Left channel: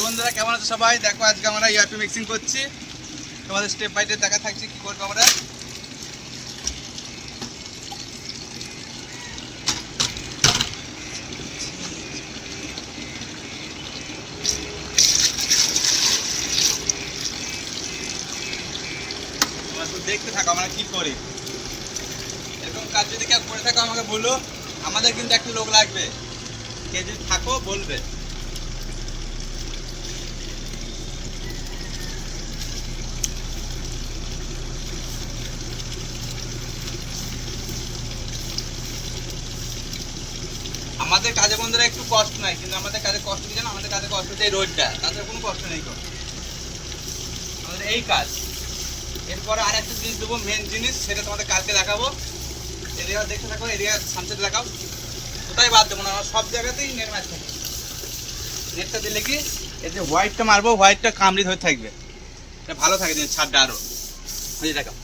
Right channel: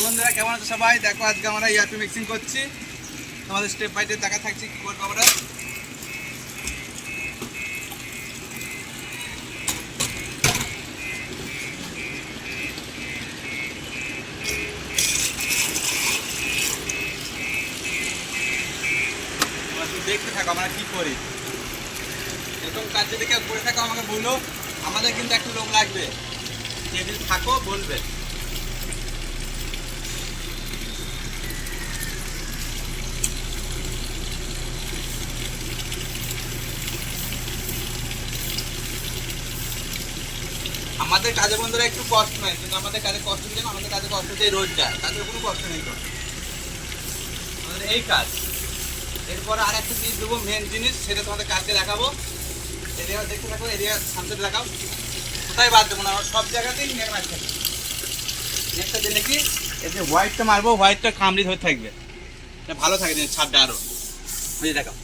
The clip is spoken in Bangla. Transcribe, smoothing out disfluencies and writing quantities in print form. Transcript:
হ্যালো বন্ধুরা, কেমন আছো সবাই? দেখো আজকে আমরা ইয়ারপি মিক্সিং করছি। তোমাদের স্টেপ বাই স্টেপ দেখা থাকছে কি করবো আমরা। দেখতে থাকো আমরা কি করি। এরকম কাজ যদি কেউ করে থাকো আমাকে বলো, আমাদের কিন্তু একটা লোক লাগবে। কেউ যদি থাকো বলবে। আমাদের কাজে বন্ধুরা একটু কষ্ট নাই, কিন্তু আমাদের কাজে কষ্ট দিচ্ছে না। আমাদের কাজে কষ্ট হচ্ছে এই রোডটা, তাদের কোনো কষ্ট নেই। আমাদের এই কাজ, এরপরে আর একটা জিনিস দেবো, মেন জিনিস, সেটা তোমাদের কালকে দেখাবো। এরিয়া দেখতে থাকো, এরিয়া সামনে দেখাও। কোথায় বাদ দেবো না, আমরা সব জায়গাতেই নেট মারতে থাকবো। নেটটা দিলে কি এই যে হোয়াইটটা মারবো, হোয়াইটটা কামড়ি ধরে থাকবে, এটা ভালো থাকে জিনিস, ছাদটা আরো বুঝে দেখাও।